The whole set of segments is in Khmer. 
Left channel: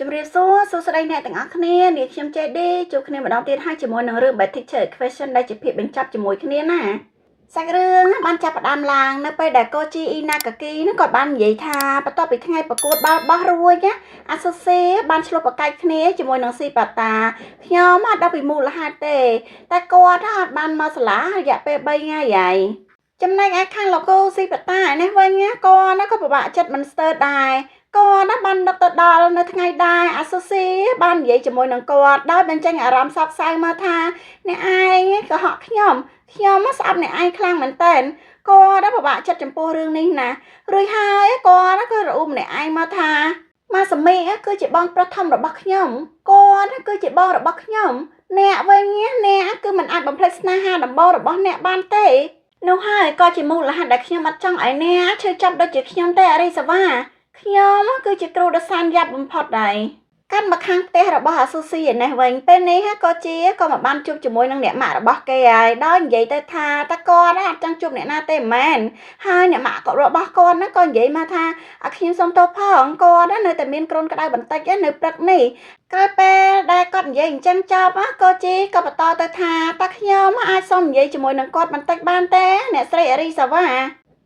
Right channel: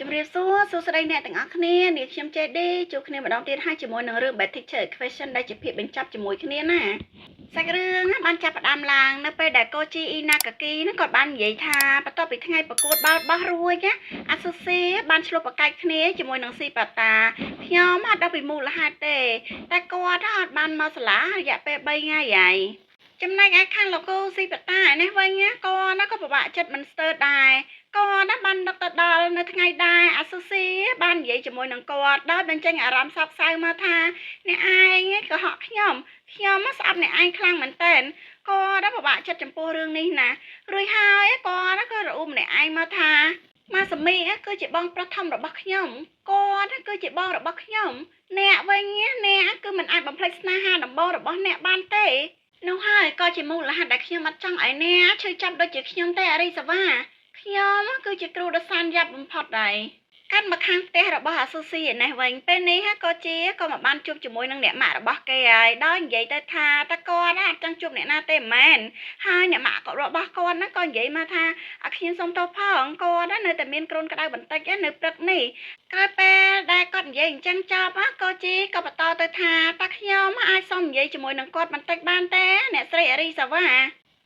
ជំរាបសួរសួស្តីអ្នកទាំងអស់គ្នានាងខ្ញុំចេឌីជួបគ្នាម្ដងទៀតហើយជាមួយនឹងរឿង Bad Teacher Question ដែលជាភាពបញ្ចប់ជាមួយគ្នាណាសាច់រឿងបានចាប់ផ្ដើមឡើងនៅពេលដែលកូជីអ៊ីណាកាគីនឹងគាត់បាននិយាយថាបន្ទាប់ពីថ្ងៃប្រកួតបាល់បោះរួចណាអាសូសេបានឆ្លុះប្រកែកគ្នាជាមួយនឹងស៊ីប៉ាតាខ្ញុំអត់ដឹងពីមូលហេតុទេតែគាត់អត់បានមកសាលារយៈពេល3ថ្ងៃហើយចំណែកឯខាងលោកគូស៊ីប៉ាតានេះវិញគាត់ក៏ពិបាកចិត្តមិនស្ទើរដែរគាត់បានដឹកទៅដល់នៅថ្ងៃដែរអាសូស៊ីបាននិយាយជាមួយនឹងគាត់ដោយបញ្ចេញអារម្មណ៍សោកសៅមកថាអ្នកឯងក៏ហក់ខ្ញុំស្អប់អ្នកឯងខ្លាំងមែនតើគាត់ពិបាកចិត្តចំពោះរឿងនេះណារួចហើយគាត់ក៏រអ៊ូម្នាក់ឯងមកថាម៉ាសាមីគឺជាបងប្រុសធំរបស់ខ្ញុំគាត់គឺជាបងរបស់ខ្ញុំអ្នកវិញអ្នកគឺមិនអាចបំភ្លេចស្នេហាដំបូងរបស់អ្នកបានទេនោះហើយក៏ជាមូលហេតុដែលខ្ញុំអត់ចង់ឲ្យអ្នកឈឺចាប់ដូចជាខ្ញុំទេអរិសវ៉ាខ្ញុំគឺជាគ្រូដ៏សានយ៉ាប់បំផុតដែរកាន់មកខាងផ្ទះរបស់អាស៊ូស៊ីឯនេះវិញពេលនេះក៏មកបានជួបជាមួយនឹងអ្នកម៉ាក់របស់គេហើយដោយនិយាយទៅថាតើគាត់អត់ចង់ជួបអ្នកណាទេមែនហើយអ្នកម៉ាក់របស់គាត់ក៏និយាយមកថាឲ្យខ្ញុំសុំទោសផងគាត់នៅតែមានគ្រុនក្តៅបន្តិចនៅព្រឹកនេះក្រោយពេលដែលគាត់និយាយអញ្ចឹងចប់ក៏បន្តទៅថាតើខ្ញុំអាចសុំនិយាយជាមួយនឹងគាត់បន្តិចបានទេអ្នកស្រីអរីសាវ៉ា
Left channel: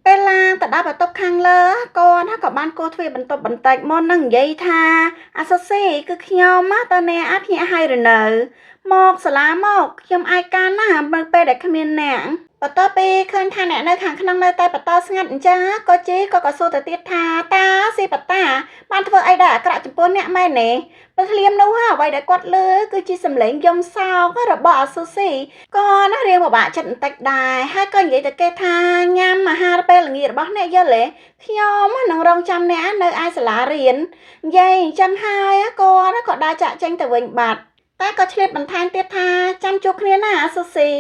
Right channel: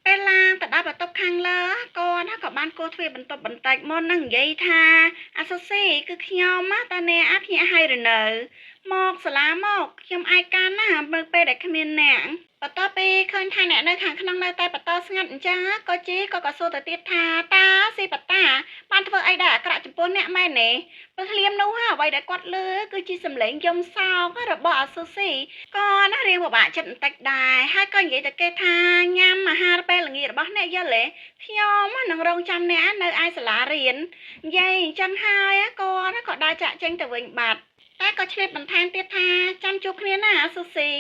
ពេលឡើងទៅដល់បន្ទប់ខាងលើគាត់ក៏បានគោះទ្វារបន្ទប់បន្តិចមុននឹងនិយាយថាអាសូស៊ីគឺខ្ញុំតើអ្នកភ្ញាក់ហើយឬនៅមកសាលាមកខ្ញុំឯកានណាមើលពេលដែលគ្មានអ្នកបន្ទាប់ពីឃើញថាអ្នកនៅខាងក្នុងនៅតែបន្តស្ងាត់អញ្ចឹងក៏សួរទៅទៀតថាតើស៊ីប៉ាតាបានធ្វើអីដែលអាក្រក់ចំពោះអ្នកមែនទេពេលភ្លាមនោះអ្វីដែលគាត់លើគឺជាសម្លេងយំសោករបស់អាស៊ូស៊ីក៏រៀងពិបាកចិត្តបន្តិចដែរហើយក៏និយាយទៅគេថាញ៉ាំអាហារពេលល្ងាចរបស់អ្នកយល់ទេខ្ញុំនឹងរងចាំអ្នកនៅឯសាលារៀននិយាយអញ្ចឹងហើយគាត់ក៏ដើរចាក់ចេញទៅវិញបាត់តែក៏ឆ្លៀតបន្ថែមទៀតថាចាំជួបគ្នាណាអាស៊ូស៊ី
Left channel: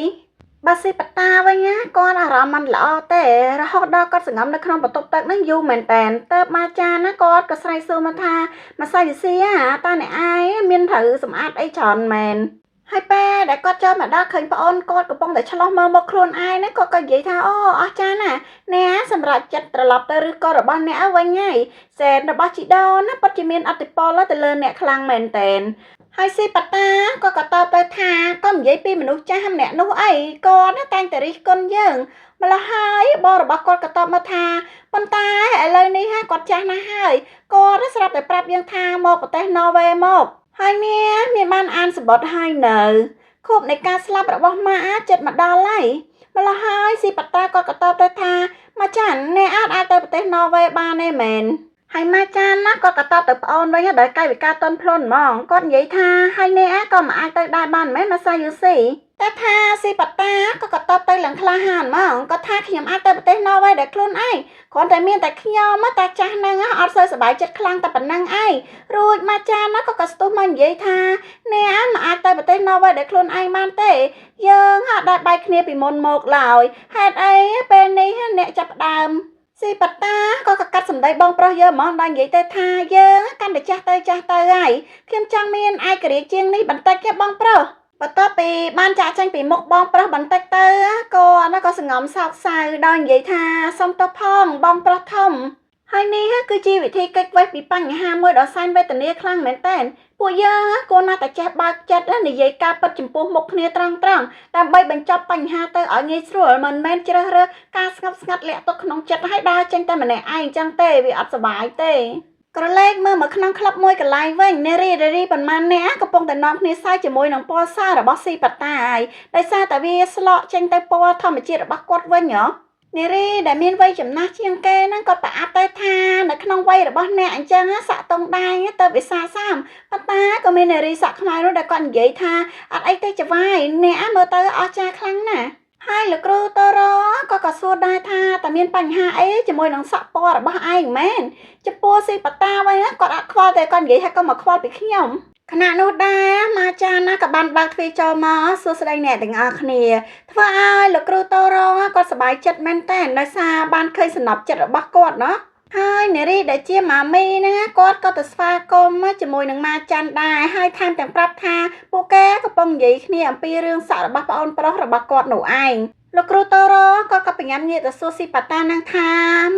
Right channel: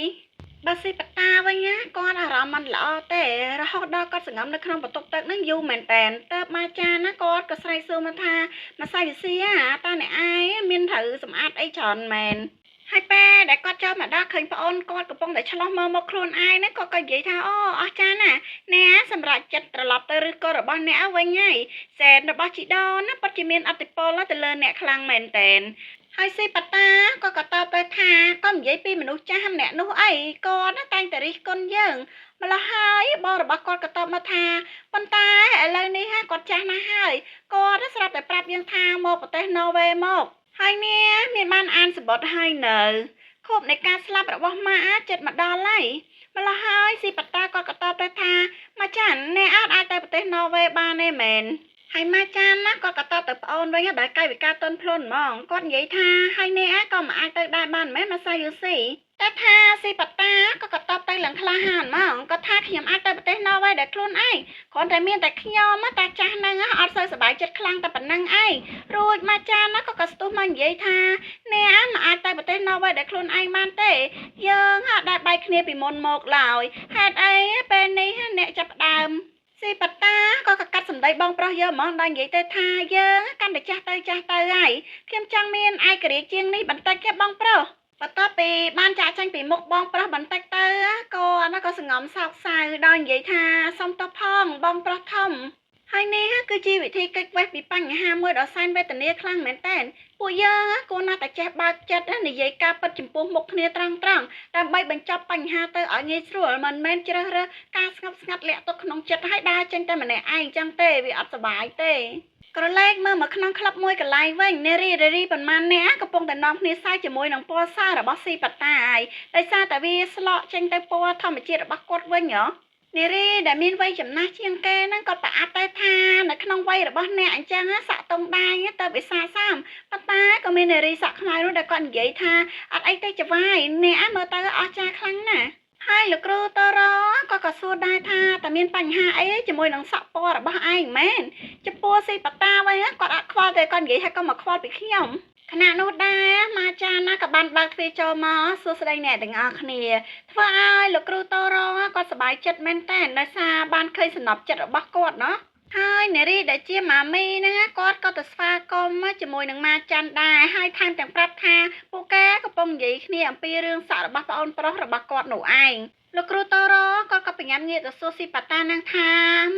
បាស៊ីប៉ាតាវិញគាត់អារម្មណ៍មិនល្អទេរហូតដល់គាត់សង្ងំនៅក្នុងបន្ទប់ទឹកនឹងយូរមែនតែនទៅមកចានគាត់ក៏ស្រែកសួរមកថាម្សាយស៊ីតើអ្នកឯងមានត្រូវសម្អាតអីច្រើនមែនហើយពេលដែលគាត់ចូលមកដល់ឃើញប្អូនគាត់កំពុងតែឆ្លោះមើលមកខ្លួនឯងគាត់ក៏និយាយថាអូអស់ចាណាអ្នកសម្រាប់ចិត្តត្រឡប់ទៅឬក៏របស់អ្នកវិញហើយសែនរបស់ជីដូនពិតជាមានអតិពលទៅលើអ្នកខ្លាំងមែនតែនហើយស៊ីប៉ាតាក៏តបទៅថាក៏និយាយពីមនុស្សចាស់ម្នាក់នោះអីគាត់តែងតែរិះគន់យើងម្ល៉េះហើយបងរបស់គាត់ក៏តបមកថាប៉ុន្តែឥឡូវនេះគាត់ចាស់ណាស់ហើយគាត់ស្រាប់តែប្រាប់យើងថាមកប្រទេសណ័រវេមកហើយមានបានអានសម្បត្តិហើយនៅខួបនៃការស្លាប់របស់ម៉ាចិត្តមកដល់ហើយម្ល៉េះហើយស៊ីប៉ាតាគាត់ក៏តបទៅថាម៉ាចានអ្នកអាចទៅប្រទេសណ័រវេបានទេមែនហើយម៉ាចានគាត់ក៏តបទៅប្អូនវិញដោយកាយវិការទន់ភ្លន់ហ្មងគាត់និយាយថាហើយអ្នកក៏មិនអាចទៅដែរបានមែនម៉ាសាយូស៊ីតែថាស៊ីប៉ាតាក៏តបទៅឡើងក្លាហានហ្មងគាត់ថាខ្ញុំអាចទៅប្រទេសណ័រវេដោយខ្លួនឯងគ្រាន់តែមានតែខ្ញុំតែចាស់ហ្នឹងអត់សូវសប្បាយចិត្តខ្លាំងតែប៉ុណ្ណឹងឯងរួចម៉ាចានក៏ស្ទុះមកនិយាយថាអ្នកមិនអាចទៅប្រទេសណ័រវេដោយខ្លួនឯងបានទេយើងអត់ដែលបែកគ្នាពីមុនមកឡើយហេតុអីពេលនេះអ្នកចាប់ផ្ដើមស៊ីប៉ាតាក៏កាត់សម្ដីបងប្រុសយើងហ្មងដល់និយាយទៅថាយើងកាន់តែចាស់ទៅហើយខ្ញុំចង់មានឯករាជ្យជាងនេះបន្តិចទេបងប្រុសបន្ទាប់ពីបានចាក់ចេញពីមុខបងប្រុសបន្តិចទៅក៏សង្ងំសោកសៅដល់និយាយថាសុំទោសផងបងប្រុសធំហើយនេះគឺជាវិធីកិច្ចវេះពីបញ្ហាមួយដ៏សែនវេទនាខ្លាំងមែនតើពួកយើងគួរណាស់តែចេះបើកចិត្តនិយាយការពិតចំពោះមុខគ្នាត្រង់ដើម្បីបញ្ចប់បញ្ហាទៅឲ្យងាយស្រួលមិនមែនជ្រើសរើសការស្ងប់ស្ងាត់លាក់ទុកក្នុងចិត្តឲ្យដើរចេញតែម្នាក់ឯងចឹងទេវាអត់សុបាយទេក្រឡេកមើលមកក្នុងក្លឹបមួយកន្លែងវិញនារីប៉ុន្មានអ្នកកំពុងតែនាំគ្នាសើចជាមួយនឹងពណ៌សរបស់ស៊ីប៉ាតាហើយដោយសារតែវាស្លកចេញទៅពណ៌ធម្មជាតិរបស់គាត់វិញនារីដែលមានវ័យចំណាស់ជាងគេហ្នឹងគាត់ប្រអាប់ទៅថានៅក្នុងវ័យរបស់អ្នកអញ្ចឹងសាក់តុងដែរទៅវិសាសាមប៉ុន្តែក៏មាននារីសាក់ខ្មែរនោះដែលគាត់និយាយថាអត់អីទេចវាយអ្នកមើលទៅអស្ចារ្យខ្លាំងណាស់ហើយលោកគ្រូតរក៏សួរដែរថាតើមានបញ្ហាអីជាមួយនឹងសាក់ពណ៌របស់ឯងមែនចំពោះស៊ីប៉ាតាវិញគាត់អត់ខ្វល់ទេគាត់និយាយថាក៏មកខ្វល់ពីខ្ញុំខណៈនោះដែរម៉ាចានក៏បានបើកទ្វារចូលមកសួស្ដីអ្នកទាំងអស់គ្នាធ្វើឲ្យលោកគ្រូតរគាត់សប្បាយចិត្តមែនតើដោយសារបានឃើញសំណប់ចិត្តរបស់គាត់ហើយនារីដែលជាម៉ាមីហ្នឹងគាត់ក៏ទៅស្វាគមន៍ជាមួយនឹងម៉ាចាន់ដែរហើយថែមទាំងប្រាប់ថាពួកគេកំពុងនិយាយគ្នាអំពីរឿងសាក់របស់ប្អូនប្រុសរបស់គាត់នោះឯងលោកគ្រូតរក៏បញ្ញាងាកទៅសួរស៊ីប៉ាតានឹងថា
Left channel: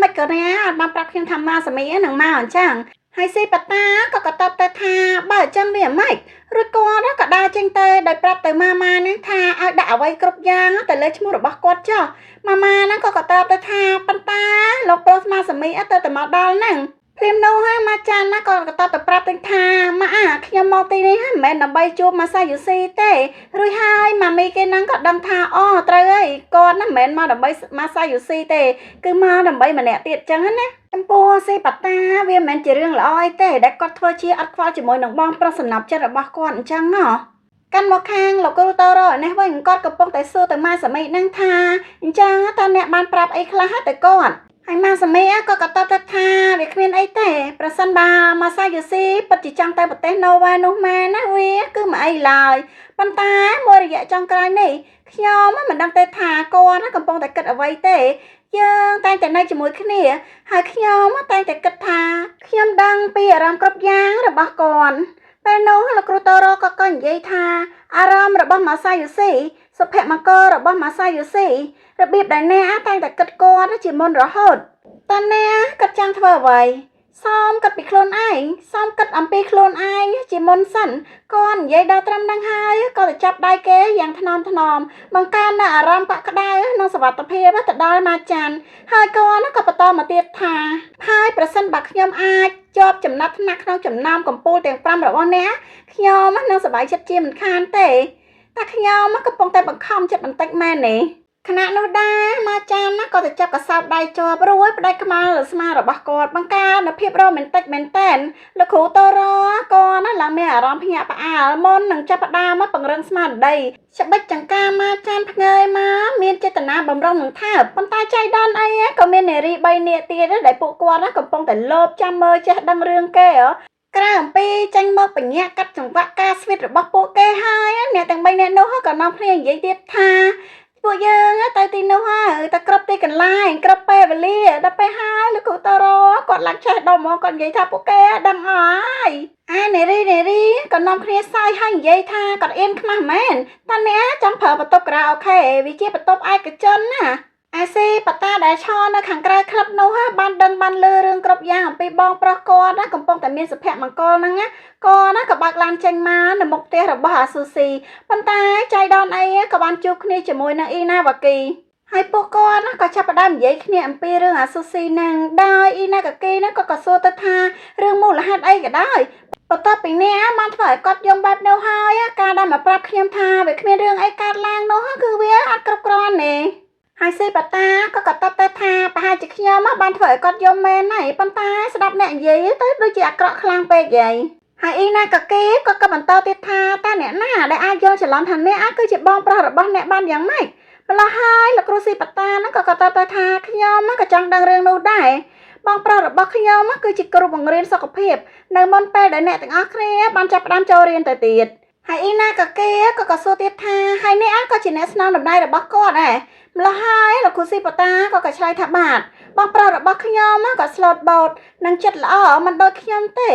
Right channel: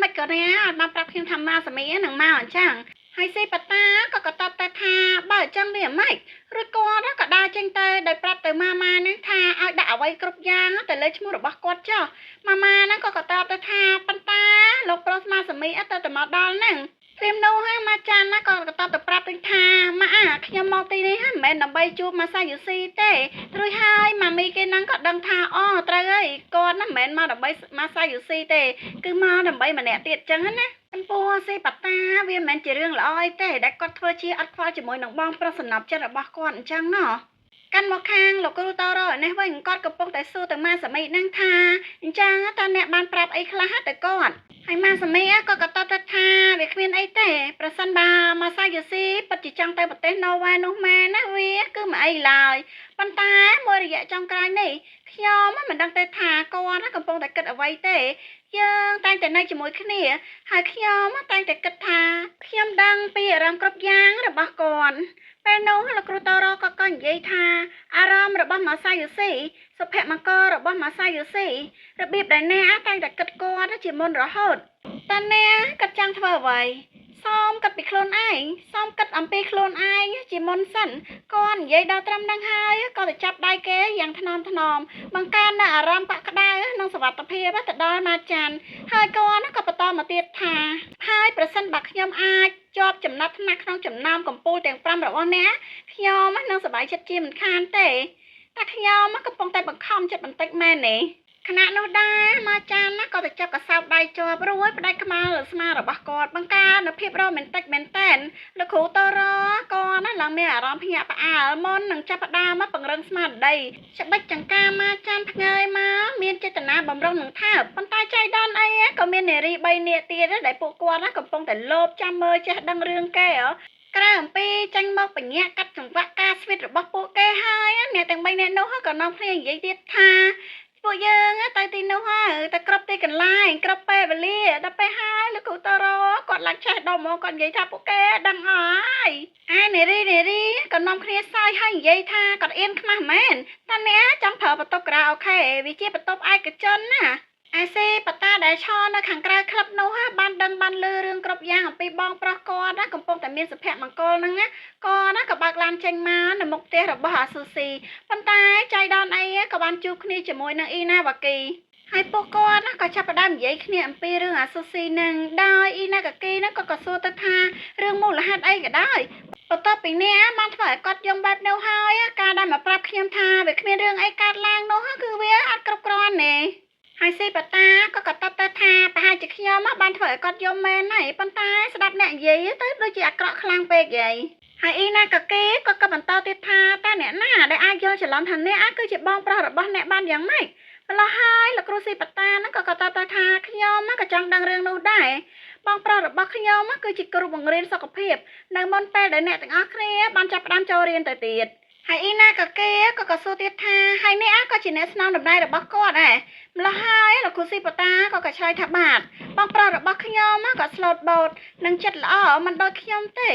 មិនក៏ណាអត់បានប្រាប់ខ្ញុំថាម៉ាសាមីនឹងមកអញ្ចឹងហ ហើយស៊ីប៉ាតាក៏តបទៅថាបើអញ្ចឹងវាមិនរួចគាត់ក៏ដើរចេញទៅដោយប្រាប់ទៅម៉ាម៉ានឹងថាឲ្យដាក់អ្វីគ្រប់យ៉ាងទៅលើឈ្មោះរបស់គាត់ចុះម៉ាម៉ាហ្នឹងក៏តបទៅថាប៉ុន្តែលោកប្រុសស្មាសមីទៅតែមកដល់ហ្នឹងព្រាមនោះហើយម៉ាចានណាក៏តបទៅប្រាប់ទៅថាម៉ាខ្ញុំមកទីនេះមិនមែនដើម្បីជួបម៉ាសាយូស៊ីទេរួចហើយម៉ាមីគេហ្នឹងក៏ដឹងថាអូត្រូវហើយគាត់ហ្នឹងមិនមែនមកដើម្បីម៉ាសាយូស៊ីទេគឺមកដើម្បីម្នាក់ទៀតចឹងណាចំពោះស៊ីប៉ាតាវាមិនមែនជារឿងល្អអីទេដែលគាត់ធ្វើជាអត់ខ្វល់ជាមួយនឹងបងប្រុសសំណប់ចិត្តរបស់គាត់អញ្ចឹងហ៎កាន់មកខាងលោកគ្រូតូរ៉ូនេះវិញគាត់កំពុងតែសួរទៅម៉ាសាមីនឹងថាអញ្ចឹងតើអ្នកបានប្រាប់អីខ្លះទៅគាត់ហើយម៉ាសាមីក៏តបទៅថាវាគ្មានអីទេប្រសិនបើម៉ាសាយូស៊ីពិតជាចង់ទៅប្រទេសណូវែនោះមែនណាវាគឺមិនអីឡើយប៉ុន្តែមួយរយៈចុងក្រោយនេះខ្ញុំមិនដឹងទេថាគាត់កំពុងតែគិតអ្វីទេយើងតែងតែនៅជាមួយគ្នាហើយខ្ញុំតែងតែគិតថាខ្ញុំដឹងពីអារម្មណ៍គ្រប់យ៉ាងរបស់គាត់ពេលនោះលោកគ្រូតូរ៉ូក៏និយាយថាអារម្មណ៍របស់ម៉ាសាយូស៊ីសុភមង្គលរបស់ម៉ាសាយូស៊ីរបៀបដែលអ្នកតែងតែគិតគាត់ជាមុនរហូតតើអ្នកគិតចង់ធ្វើអ្វីសូមគិតពីខ្លួនឯងសូមគិតអំពីខ្លួនឯងជាមុនសិនគាត់និយាយដល់ត្រឹមហ្នឹងហើយក៏ទៅចាប់ដៃគេយ៉ាងថ្នមបង្កើននូវអារម្មណ៍កក់ក្ដៅនិងសុវត្ថិភាពទៅដល់ម៉ាចាន់ហើយគាត់ក៏បន្តមកទៀតថាហើយប្រសិនបើខ្ញុំអាចជាប់ចំណាត់ថ្នាក់ក្នុងចំណោមកំពូលទាំង5របស់អ្នកខ្ញុំនឹងសប្បាយចិត្តជាមិនខានទេតែខ្ញុំកំពុងតែបង្ខំចិត្តបន្តិចមែនទេខណៈនោះដែរម៉ាចាន់ក៏ទៅចាប់កសោបដៃជាប់រួចផ្ដាច់ខ្មៅលើស្មារបស់គាត់បង្កើននូវភាពរ៉ូមែនទិកមែនតែនលោកគ្រូតូរ៉ូក៏ឡើងមានអារម្មណ៍ភ្ញាក់ផ្អើលមុននឹងចាប់ផ្ដើមមកពង្រឹងស្មារតីច្បិចចង្កាម៉ាចាន់ភ្ងើយមកមានចេតនាបំរុងនឹងថើបប៉ុន្តែចៃដន្យអីក៏មាននារី3នាក់ទៀតដែលពួកគាត់កំពុងតែលោភចាំមើលចេះដឹងរឿងគេក្រៅអំពីចាញ់មកបញ្ញាកាត់ចង្វាក់ការស្វីតរបស់ពួកគេហើយអ្នកទាំង3នាក់នោះក៏នាំគ្នានិយាយទៀតថាពួកយើងទៅទីនោះហើយទៅគ្រប់ទីកន្លែងគ្រប់ពេលវេលាដល់ពេលហើយលោកគ្រូតូរ៉ូគាត់ឡើងចេះដល់មកគាត់និយាយថាពួកគេដឹងហើយនារីក៏នាំគ្នាសើចហើយនិយាយថាគាត់អៀនខ្មាស់មែនតើអ្នកចង់ប្រើបន្ទប់ការ៉ាអូខេវាជាបន្ទប់ឯកជនណាអាស៊ីប៉ាតាដែលឈរនៅខាងក្រៅក្លឹបនោះបានដឹងបានលឺរឿងគ្រប់យ៉ាងអំពីបងប្រុសគាត់កំពុងតែមានសុភមង្គលហ្នឹងក៏បើកឡានចេញមកនៅមុខផ្ទះរបស់អាស៊ូស៊ីប៉ុន្តែចៃដន្យអីក៏បានជួបគ្នាជាមួយនឹងអ៊ីណាវ៉ាគីហើយពួកគាត់ក៏ចាប់ផ្ដើមនិយាយគ្នាអំពីរឿងអាស៊ូស៊ីហ្នឹងដោយអ៊ីណាកាគីហ្នឹងក៏សួរទៅថារឿងមូលហេតុអីក៏ដោយបន្ទាប់ពីនេះបានធ្វើឲ្យគាត់យំបែបនោះហើយការដែលមកប្រាប់ខ្ញុំថាវាគ្មានរឿងអីកើតឡើងនោះគឺវាអត់គ្រប់គ្រាន់ទេហើយស៊ីប៉ាតាក៏តបទៅថាប្រហែលជាខ្ញុំបានធ្វើឲ្យគាត់យំមែនហើយប៉ុន្តែស្ដាប់អ្នកនិយាយទៅដូចជាអាក្រក់ខ្លាំងពេកហីហើយអ៊ីណាកាគីក៏បន្តទៀតថាតើអ្នកណាដែលអាចយល់ច្រឡំថាអ្នកគឺជាបងប្រុសរបស់អ្នកបានយ៉ាងម៉េចម្ល៉េះហើយលោកគ្រូស៊ីប៉ាតាហ្នឹងក៏តបទៅថាខ្ញុំក៏ចង់ដឹងរឿងនោះដែរបងប្រុសរបស់ខ្ញុំគឺជាគ្រូបង្រៀនសុខភាពនៅមុនពេលដែលអ្នកទាំងអស់គ្នាបានចាប់ផ្ដើមចូលរៀនទៅទៀតហើយអ៊ីណាកាគីក៏សួរទៀតថាហើយអ្នកក៏ជាអ្នកស្នងដំណើររបស់គាត់ដែរម្ល៉េះហើយលោកគ្រូស៊ីប៉ាតាក៏ឆ្លើយថាបាទបងប្រុសរបស់ខ្ញុំក៏ស្លូតបូតនិងចិត្តល្អមិនដូចខ្ញុំទេ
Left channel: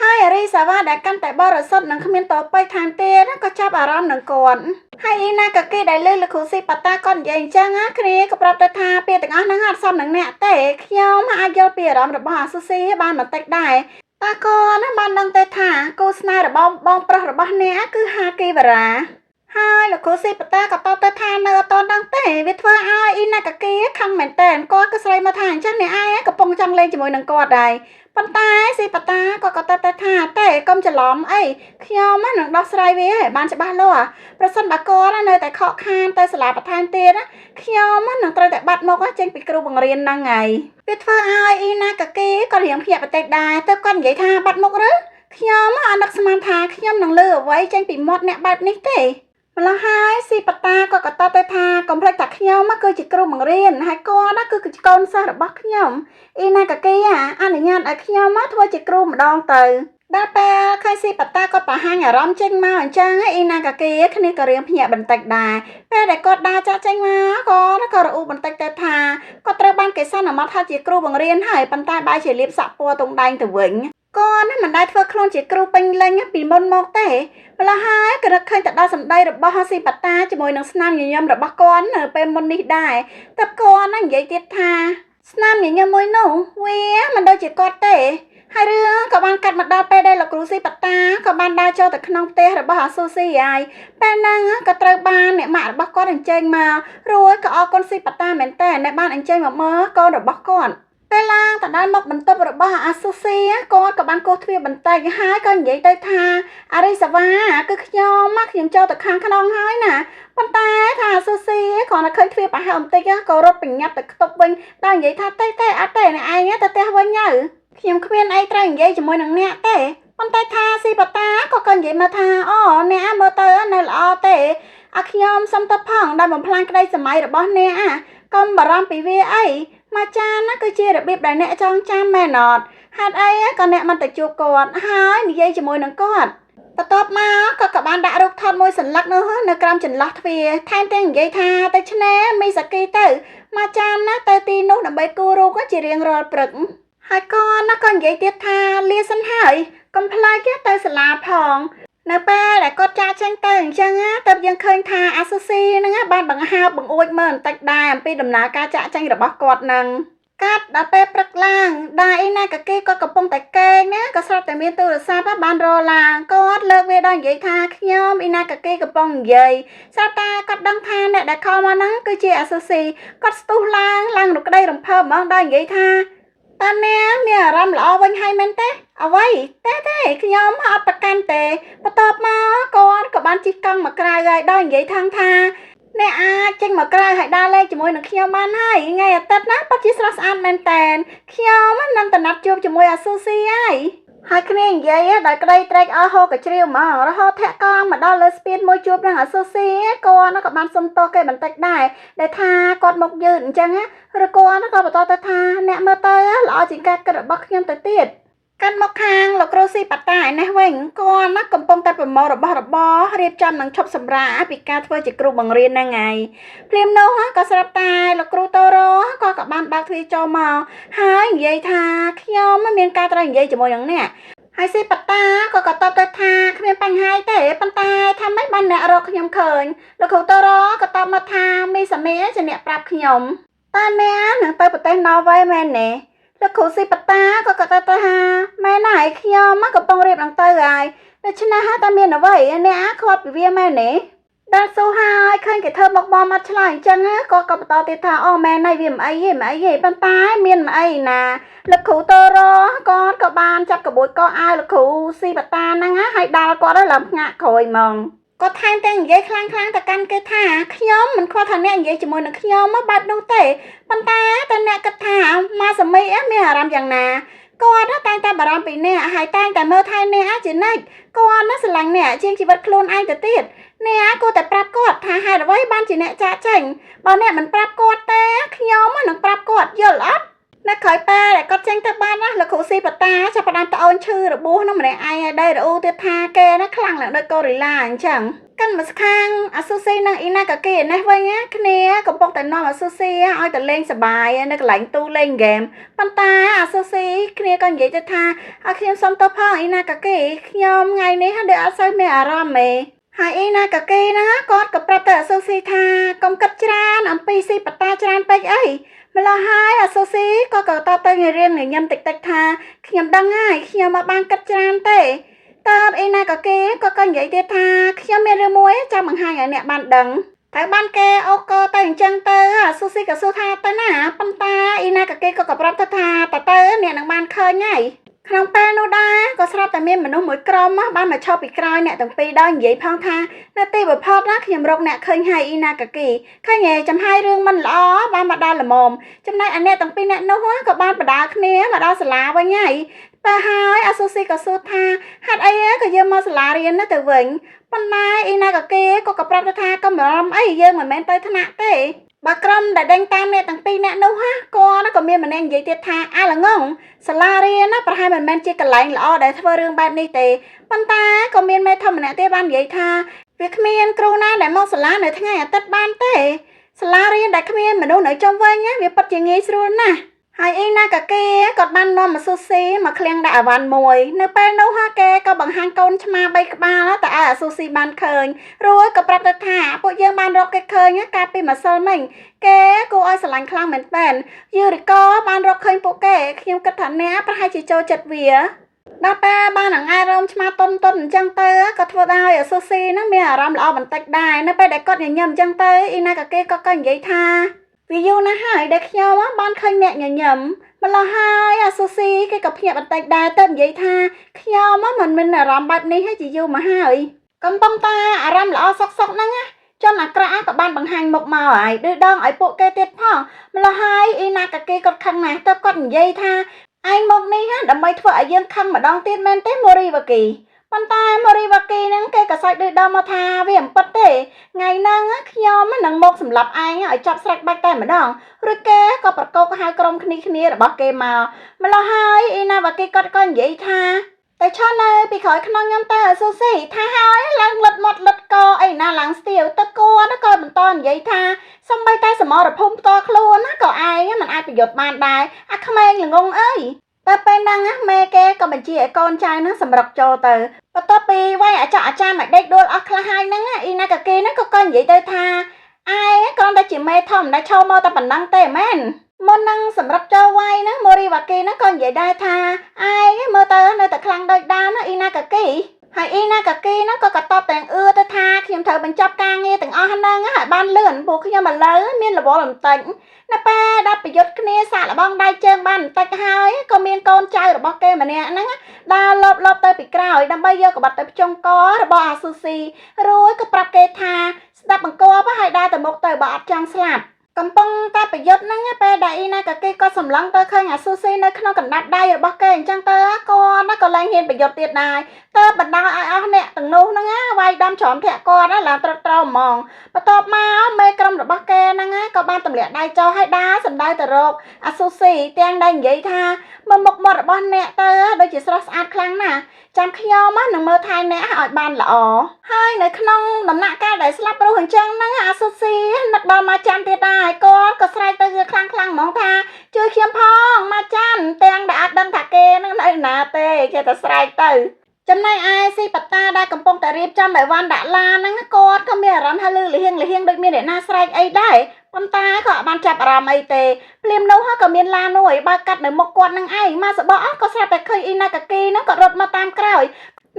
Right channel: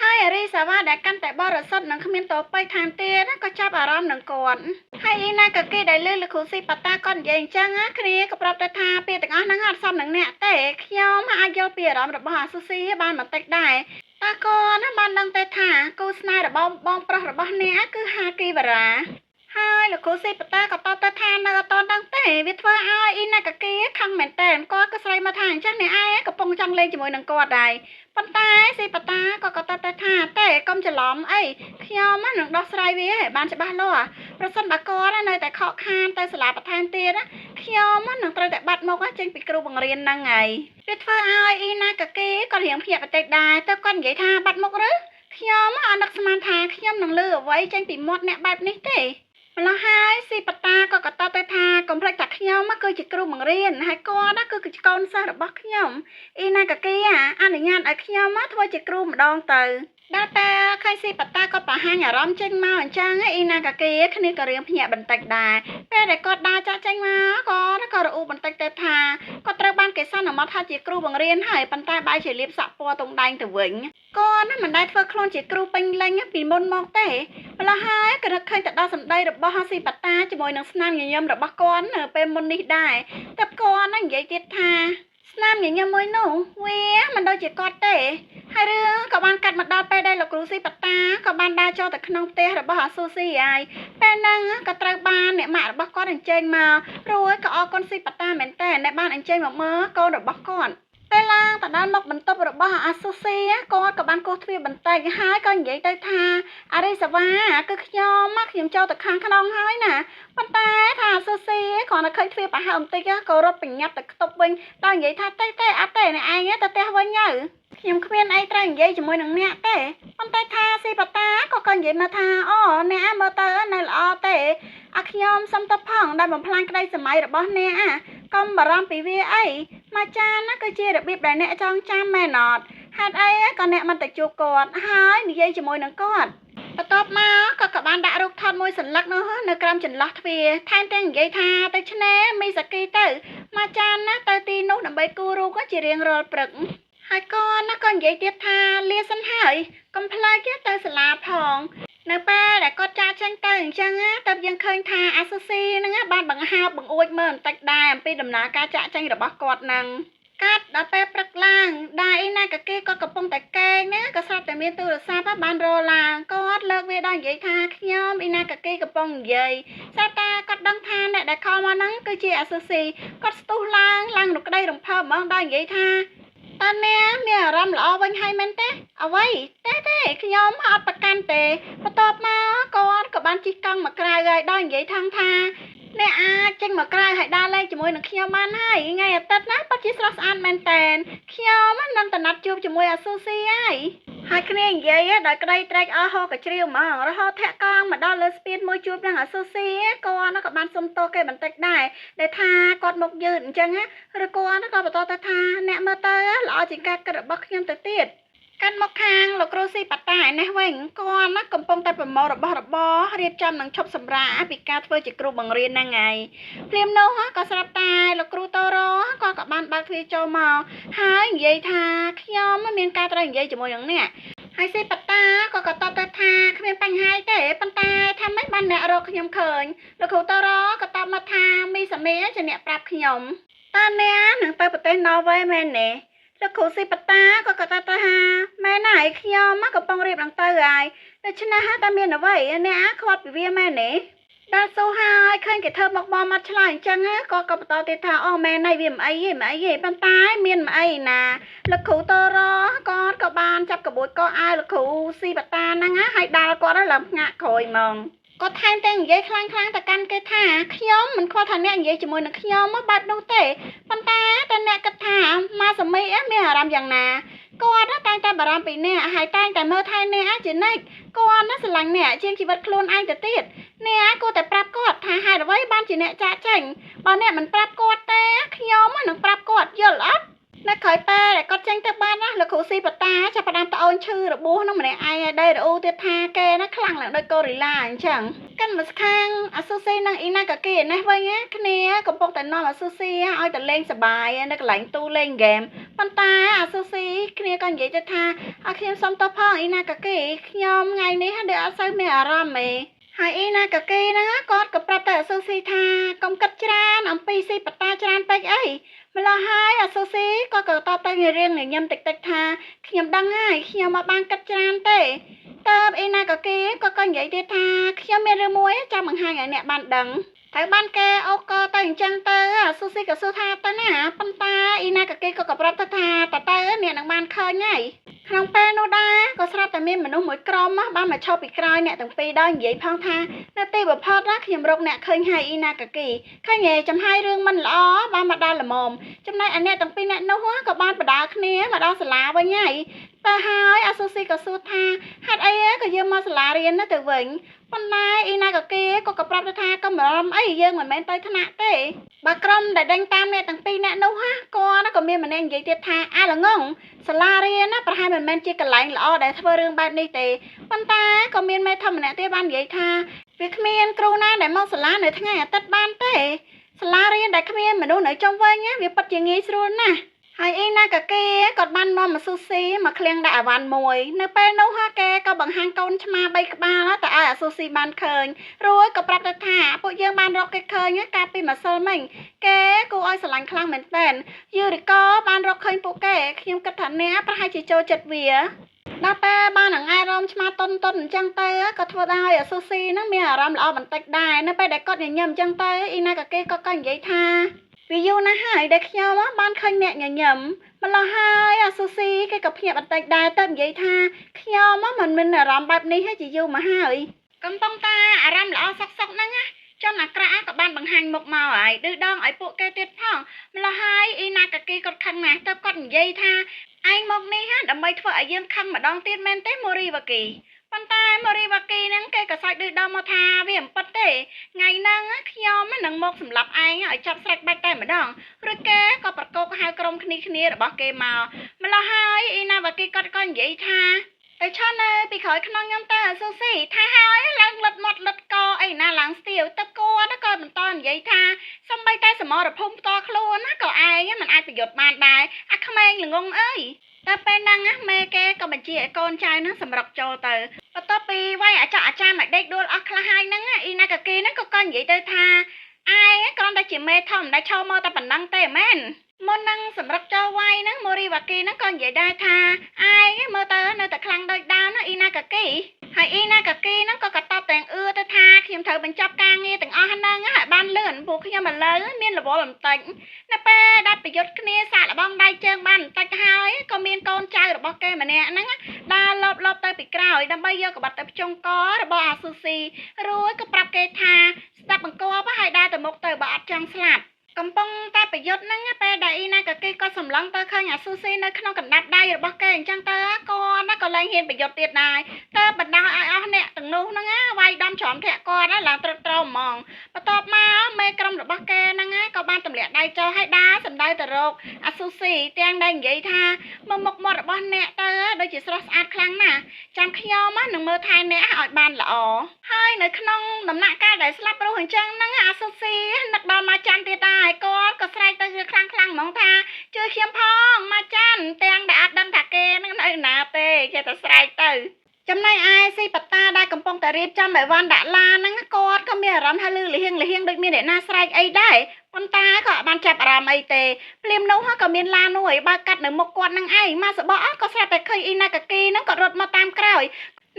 ហើយអរីសាវ៉ាដែលកាន់តែបរិសុទ្ធនិងគ្មានតប៉ៃថែមទៀតក៏ចាប់អារម្មណ៍នឹងគាត់ហើយអ៊ីណាកាគីដែលលើលោកគ្រូស៊ីប៉ាតាក៏និយាយអញ្ចឹងគ្នាក៏ប្រាប់ទៅថាពាក្យទាំងអស់ហ្នឹងអត់សមនឹងអ្នកទេខ្ញុំអាចយល់ពីអារម្មណ៍របស់អាស៊ូស៊ីបានបន្តិចដែរតាគាត់បានដឹងទេថាគូស្នេហ៍របស់បងប្រុសរបស់អ្នកគឺហាគីវរ៉ាហើយលោកគ្រូស៊ីប៉ាតាក៏តបទៅថានៅអត់ដឹងទេវាធ្វើឲ្យអ៊ីណាកាគីខឹងមែនតើគាត់ក៏ស្រីមកថាអញ្ចឹងអ្នកឯងកំពុងចង់លេងជាមួយនឹងគាត់ដែរប៉ុន្តែស៊ីប៉ាតាក៏តបទៅថាតែកុំច្រឡំអីខ្ញុំនឹងដោះស្រាយវាឲ្យបានច្បាស់លាស់ប្រសិនបើគាត់នៅតែខកខានទៅសាលាបន្ថែមទៀតខ្ញុំនឹងត្រូវតែបាត់មកចេញពីគ្រូបង្រៀនហ្នឹងហើយវាធ្វើឲ្យអ៊ីណាកាគីក៏រៀងភ្ញាក់បន្តិចដែរទៅគាត់និយាយថាបាត់មុខឬខ្ញុំអត់នឹកស្មានថាខ្ញុំនឹងលើអ្វីចេញពីមាត់អ្នកបែបនេះទេម្ល៉េះហើយស៊ីប៉ាតាក៏តបទៅថាកុំភ្លេចថាខ្ញុំគឺជាគ្រូបង្រៀនហើយគាត់គឺជាកូនសិស្សរបស់ខ្ញុំអ៊ីណាកាគីអនុញ្ញាតឲ្យខ្ញុំធ្វើជាគ្រូម្ដងទៅដល់ពេលខៃស៊ីប៉ាតាក៏បង្ហាញអារម្មណ៍ចេញមកអញ្ចឹងអ៊ីណាកាគីគ្នាក៏រៀងភ្ញាក់បន្តិចដែរពេលដែលគាត់ដើរចាក់ចេញមកក៏រអ៊ូបន្តិចទៅថាគាត់ត្រូវបានគេសន្មតថាជាគ្រូបង្រៀនហើយប៉ុន្តែបែរជាលៀបសាក់ពណ៌ទង់ដែងទៅវិញគាត់មិនដែលធ្វើខ្លួនជាគ្រូពេញលេញពីមុនមកទេម្ល៉េះហើយក៏នឹកឃើញទៅដល់សម្ដីរបស់ស៊ីប៉ាតាជាមួយនឹងស្នាមញញឹមរបស់គាត់នៅពេលមុននេះដែរតែគាត់និយាយទៀតថាស្នាមញញឹមមួយនោះវាមិនដូចជាគាត់ទេ ហើយរឿងក៏បានកាត់មកដល់ពេលដែលលោកគ្រូស៊ីប៉ាតាក៏បានដើរចូលទៅក្នុងផ្ទះរបស់អាស៊ូស៊ីហើយពេលហ្នឹងក៏ត្រូវបានអ្នកម៉ាក់របស់គាត់អញ្ជើញមករួចក៏អរគុណស៊ីប៉ាតាមែនតើដែលបានអញ្ជើញមកមើលកូនរបស់គាត់ពេលឡើងទៅដល់មុខបន្ទប់របស់អាស៊ូស៊ីគាត់ក៏បានកោសទ្វារបន្តិចហើយក៏និយាយទៅថាអារីសាវ៉ាគឺខ្ញុំចូលទៅខាងក្នុងហើយណាប៉ុន្តែថាអាស៊ូស៊ីគ្រាន់តែឃើញទ្វារប្រហែលបន្តិចក៏រត់ប្រញាប់ទៅខ្ទប់វិញដល់និយាយថាទេអត់ទេអ្នកឯងទៅផ្ទះវិញទៅខ្ញុំគ្មានអីត្រូវនិយាយជាមួយនឹងអ្នកទេប៉ុន្តែថាស៊ីប៉ាតាក៏និយាយមកថាអូអ្នកមើលទៅនៅល្អទេខ្ញុំសុំទៅផងដែលបំផ្លាញក្តីសម័យរបស់អ្នកកុំបារម្ភពីវាអីមកចានគឺជារបៀបដែលអ្នកចងចាំមែនអត់ហេតុអីក៏អ្នកមិនទៅជួបគាត់ហើយនិយាយជាមួយនឹងគាត់បន្ទាប់មកក៏បានដាក់រូបថតមួយសន្លឹកនោះនៅក្រោមចន្លោះទ្វារថែមទាំងនិយាយថាទៅឆ្នេរមីសាគីទៅមកចានទៅទីនោះដើម្បីគូររូបជារៀងរាល់ព្រឹកហើយក៏និយាយទៀតថាលាសិនហើយកុំភ្លេចទៅសាលាផងនៅពេលដែលគាត់ចាកចេញទៅអញ្ចឹងទើបយើងឃើញថាអាស៊ូស៊ីហ្នឹងបានបង្ហើបបង្អួចមើលបន្តិចដែរអំពីដំណើរការចាកចេញរបស់គាត់ហ្នឹងកាត់ដល់ពេលព្រឹកឡើងដែរអីណាកាគីគាត់កំពុងតែកេងណាក៏ស្រាប់តែមានទូរស័ព្ទបានរឡើងគាត់លើកវាដល់និយាយថាខ្ញុំអ៊ីណាកាគីកំពុងនិយាយស្រាប់តែគាត់ដឹងថាអ្នកដែលខលមកហ្នឹងគឺជាអាស៊ូស៊ីគាត់ស្ទុះឡើងរកក្តីរំភើបហ្មងដល់និយាយថាតើអ្នកមានអារម្មណ៍ល្អវិញហើយមែនទេអ្វីទេខ្ញុំអត់ប្រកាន់ទេបន្ទាប់មកគាត់ក៏បានជិះកង់មកក្រៅហើយដល់និយាយថាអ្នកអាចចេញមកក្រៅហើយដើរលេងជាមួយនឹងខ្ញុំបានហើយថ្ងៃអាទិត្យណាពិតជាស្រស់ស្អាតមែនតែនខ្ញុំនឹងទៅណាត់ជួបជាមួយអាស៊ូស៊ីហើយគ្នានិយាយដោយក្តីត្រេកអរហូរកជ្រៀវហ្មងរហូតធាក់កង់មកដល់លើស្ពានមួយជួបនឹងអាស៊ូស៊ីគាត់ក៏បានសុំទោសគេបន្តិចដែរដែលថាគាត់មកយឺតអញ្ចឹងឬគាត់ក៏បន្តទៅថាអ្នកមើលទៅល្អជាងការគិតរបស់ខ្ញុំទៅទៀតកាន់មកខាងលោកគ្រូស៊ីប៉ាតាឯនេះវិញគាត់កំពុងតែប្រមូលរបស់របររៀបចំនឹងឈប់សម្រាកពីការធ្វើជាគ្រូបង្រៀនហ្នឹងហើយព្រាមនោះក៏ស្រាប់តែលោកគ្រូតូរ៉ូក៏បានបើកទ្វារចូលមកហើយនិយាយថាខ្ញុំមានការត្រូវនិយាយជាមួយនឹងអ្នកហើយស៊ីប៉ាតាក៏តបទៅថាគ្មានបញ្ហាទេប៉ុន្តែថាម៉េចបានអ្នករកខ្ញុំឃើញលោកគ្រូតូរ៉ូក៏តបមកថាមីសាមីជាអ្នកប្រាប់ខ្ញុំតើអ្នកនឹងទៅប្រទេសណ័រវេសមែនទេលោកគ្រូស៊ីប៉ាតាក៏ទៅថាម៉ែណៃខ្ញុំកំពុងរៀបនឹងទៅហើយដូច្នេះតែមានអ្វីអ្នកខ្វាត់ពីវាមែនទេដល់សួរហើយឃើញគេធ្វើមកបងមកឆ្លើយអញ្ចឹងក៏បន្តទៀតថាអូម៉ែណៃវាមិនអីទេប៉ុន្តែមានមិនអីណាលោកគ្រូតូរ៉ូក៏បានចាប់កបួយកោអាវលោកគ្រូស៊ីប៉ាតាហ្នឹងហើយដាល់គាត់ឡើងផ្ងាក់ក្រោយហ្មងគាត់ថែមទាំងនិយាយខ្លាំងទៅកាន់គេថាខ្ញុំមិនខ្វល់ថាអ្នកនិយាយជាមួយនឹងខ្ញុំបែបនោះទេប៉ុន្តែតើអ្នកគិតថាម៉ាសាមីមានអារម្មណ៍យ៉ាងណាគាត់តែងតែបារម្ភពីអ្នកហើយតែងតែមើលថែអ្នកជានិច្ចគាត់ស្រឡាញ់អ្នកជាងជីវិតខ្លួនឯងទៅទៀតអ្នកគួរតែប្រាប់គាត់ថាហេតុអ្វីបានជាអ្នកចាកចេញបើអ្នកមិនប្រាប់គាត់ទេខ្ញុំនឹងប្រាប់គាត់យល់អត់នៅក្រោយពេលគាត់ចេញទៅបានណាលោកគ្រូស៊ីប៉ាតាចាប់ផ្ដើមត្អូនឈឺរបួសនឹងម្នាក់ឯងឲ្យដែររអ៊ូទៀតថាគេណាខ្លាំងឡើងដូចកូរីឡាអញ្ចឹងកាន់មកខាងអាស៊ូស៊ីនិងអ៊ីណាកាគីនេះវិញគ្នាកំពុងតែនាំអាស៊ូស៊ីឲ្យទៅលេងសប្បាយនៅកន្លែងទូលេងហ្គេមប៉ុន្តែអាស៊ូស៊ីគ្នាក៏និយាយទៅថាឲ្យខ្ញុំសុំទោសផងអ៊ីណាកាគីខ្ញុំថ្ងៃនេះដូចអត់សូវមានអារម្មណ៍ទេហើយអ៊ីណាកាគីហ្នឹងគាត់ក៏ប្រាប់ទៅអាស៊ូស៊ីថាកុំគិតច្រើនអំពីស៊ីប៉ាតាច្រើនពេកអីម្ល៉េះហើយអាស៊ូស៊ីក៏តបទៅរៀងញញឹមតិចថាខ្ញុំដឹងហើយខ្ញុំមកបានគិតច្រើនទេតើអ៊ីណាកាគីក៏និយាយទៀតថាខ្ញុំមានរឿងមួយចាំបង្ហាញឲ្យអ្នកបានដឹងតែបានគេអូកទៅអញ្ចឹងទៅអាស៊ូស៊ីក៏សួរថាទៅណាប៉ុន្តែអ៊ីណាកាគីក៏ប្រាប់ថាទៅអ្នកនឹងបានឃើញហើយក្នុងពេលនោះដែរក៏ស្រាប់តែមានមនុស្សមួយក្រុមបានមកឈប់ពីក្រោយអ្នកទាំងពីរដល់និយាយផងថានៅទីបំផុតខ្ញុំរកអ្នកឃើញហើយអ៊ីណាកាគីឃើញចំហាយរឿងមិនល្អបានមកដល់ល្មមចំណែកឯអ្នកទាំងពីរអ្នកនោះក៏បានបដាគ្នាមកដល់សាលាវិញហើយបើហើយអាស៊ូស៊ីក៏សួរថាហេតុអីក៏យើងមកសាលារៀនទៅវិញប៉ុន្តែអ៊ីណាកាគីក៏ប្រាប់ថាកុំបារម្ភអីយើងមិនមែនទៅថ្នាក់ទេបើក្រុមដែលដេញតាមអ្នកទាំងពីរអ្នកនោះគាត់ក៏មានម្នាក់និយាយទៀតថាអាល្ងងសាលារៀនប្រហែលមិនមែនជាកន្លែងល្អដែលធ្វើរឿងបែបនេះទេប៉ុន្តែក៏មានមេធំម្នាក់ទៀតបាននិយាយថាវាគ្មានគ្រូណាដែលមកសាលានៅថ្ងៃអាទិត្យបានទេសាលារៀនដែលគ្មានមនុស្សនៅជុំវិញវាពិតជាងាយស្រួលណាស់ហ ហើយអ៊ីណាកាគីគាត់បាននាំមកស៊ូស៊ីមកឃ្លាំងដាក់អវ៉ាន់មួយនៅពេលនោះហាគេក៏បង្ហាញកូនឆ្មា3ក្បាលទៅឲ្យអាស៊ូស៊ីបានឃើញរួចក៏ប្រាប់ទៅថាពួកយើងបានរកគេឃើញកាលពីម្សិលមិញគេគួរឲ្យស្រឡាញ់ខ្លាំងមែនទែនយូរីកបានរកឃើញពួកគេខ្ញុំគិតថាអ្នកប្រហែលជាចូលចិត្តវាដល់តែបានអារម្មណ៍ឆ្មាតុនអញ្ចឹងទៅក៏ធ្វើឲ្យអាស៊ូស៊ីហ្នឹងមានអារម្មណ៍ល្អបន្តិចដែរនៅពេលដែលគាត់ញញឹមអញ្ចឹងទៅអ៊ីណាកាគីក៏និយាយថាវាយូរណាស់ហើយដែលខ្ញុំបានឃើញអ្នកញញឹមម្ល៉េះហើយអាស៊ូស៊ីគេក៏ភ្ញាក់បន្តិចដែរទៅនិយាយថាខ្ញុំមិនមានអារម្មណ៍បែបនេះជាយូរមកហើយកំពុងតែអារម្មណ៍ល្អសុកហ្នឹងចំអាក្រក់ក៏បានបង្ហាញមុខមកហើយឌឺដងឲ្យពួកគេទៀតផងម្ល៉េះហើយអ៊ីណាកាគីគាត់ខឹងណាស់ទៅគាត់និយាយថាឯងមកនេះដើម្បីធ្វើឲ្យយើងខឹងម្ដងទៀតមែនទេម៉ូរីវ៉ាគីប៉ុន្តែម៉ូរីវ៉ាគីហ្នឹងគេក៏សើចឌឺដងមកថាវាមិនពិតទេថ្ងៃហ្នឹងខ្ញុំនឹងមកសម្លាប់ឯងឲ្យចាប់ស្រេចបាច់តែម្ដងឬគេក៏ប្រកបហៅក្រុមគ្នារបស់គេមកម្ល៉េះហើយអ៊ីណាវ៉ាគីគាត់ក៏និយាយថាតែឈរនៅពីក្រោយខ្នងខ្ញុំទៅស៊ូស៊ីថាហើយឡើងលឹតមាត់លឹតកអីណាឡើងស្ទាវទៅគាត់ក៏បន្តនិយាយថាសំបីតែសមរភូមិផ្ទាល់ខ្លួនណាក៏ឯងមិនអាចប្រយុទ្ធបានដែរអាក្មេងល្ងងអើយតែពេលហ្នឹងម៉ែគេក៏បញ្ជាឲ្យកូនចៅហ្នឹងសម្រុកចូលទៅបន្ទាប់ពីវាយអាចារ្យមកដេកដួលអស់ខ្លះហើយហ្នឹងអ៊ីណាកាគីហ្នឹងក៏និយាយទៅថាឯងគ្រាន់តែជាមេធម្មតាឈរមកតែប៉ុណ្ណឹងទេមែនមុននឹងសម្រាប់ចូលវាយហ្នឹងម៉ូរីវ៉ាគីហ្នឹងក៏និយាយដែរថាឯងមើលទៅនៅតែខ្លាំងដូចដើមណាអ៊ីណាកាគីហើយអ៊ីណាកាគីហ្នឹងក៏តបទាំងទៅថាខ្ញុំត្រូវបញ្ចប់ការងារទាំងអស់ហ្នឹងឲ្យបានលឿនពួកខ្ញុំឥឡូវមានរវល់បន្តិចនៅពេលដែលប្រយុទ្ធគ្នាសាកល្បងដៃជើងបានបន្តិចហើយក៏មានកូនចៅរបស់គេម្នាក់ហ្នឹងដើរលបទៅពីក្រោយដើម្បីយកកបាត់ទៅភ្ជង់ករបស់អាស៊ូស៊ីរួចក៏ប្រាប់គេថាស្ដាប់បង្គាប់ហើយដើរទៅមុខទៅបើអត់ចង់ស្លាប់កំពុងតែប្រយុទ្ធហ្នឹងពេលដែលអ៊ីណាកាគីក៏សម្លឹងទៅឃើញអាស៊ូស៊ីនៅក្នុងកណ្ដាប់ដៃរបស់គេអញ្ចឹងទៅគាត់ក៏ឡើងហ៊ានប្រយុទ្ធទៀតដែរតើបណ្ដោះឲ្យអស់អ្នកទាំងនោះហ្នឹងវាយដំច្រំធាក់គាត់ឡើងត្រត្រូវហ្មងបន្ទាប់មកមេក្រុមរបស់គេហ្នឹងក៏បានទម្លាក់ដៃចោលឲ្យដើរសម្ដៅទៅរកអាស៊ូស៊ីទាំងដែលនិយាយថាមើលមុខមាត់របស់អ្នកទៅដូចជាស្រស់ស្អាតខ្លាំងណាស់ចាំខ្ញុំនឹងមើលថែអ្នកឲ្យបានល្អហើយនៅក្នុងដំណាក់កាលដែលស្លាប់រស់អញ្ចឹងហ្នឹងអាស៊ូស៊ីនឹកដល់មកចាំទៀតដែរគាត់ក៏ស្រែកទៅខ្លាំងហ្មងថាជួយខ្ញុំផងមកចាន់ទាំងដែលអត់ដឹងថាគេនឹងនៅណាទេចេះតែស្រែកទៅចំណែកឯស៊ីបតាដែលកំពុងតែរៀបចំឲ្យវ៉ាន់ដាក់ឡានហ្នឹងគាត់ក៏មានអារម្មណ៍ថាលឺលហៀងដូចមានអ្នកណាស្រែកអីដែរប៉ុន្តែក៏អត់បានចាប់អារម្មណ៍អីទេភ្លាមនោះក៏មានឡាននោះឲ្យបើកកាត់នៅមុខគាត់នឹងឯងមកសបកក៏ស្រាប់តែឃើញអ៊ីណាកាគីហ្នឹងក៏រត់មកតាមក្រោយ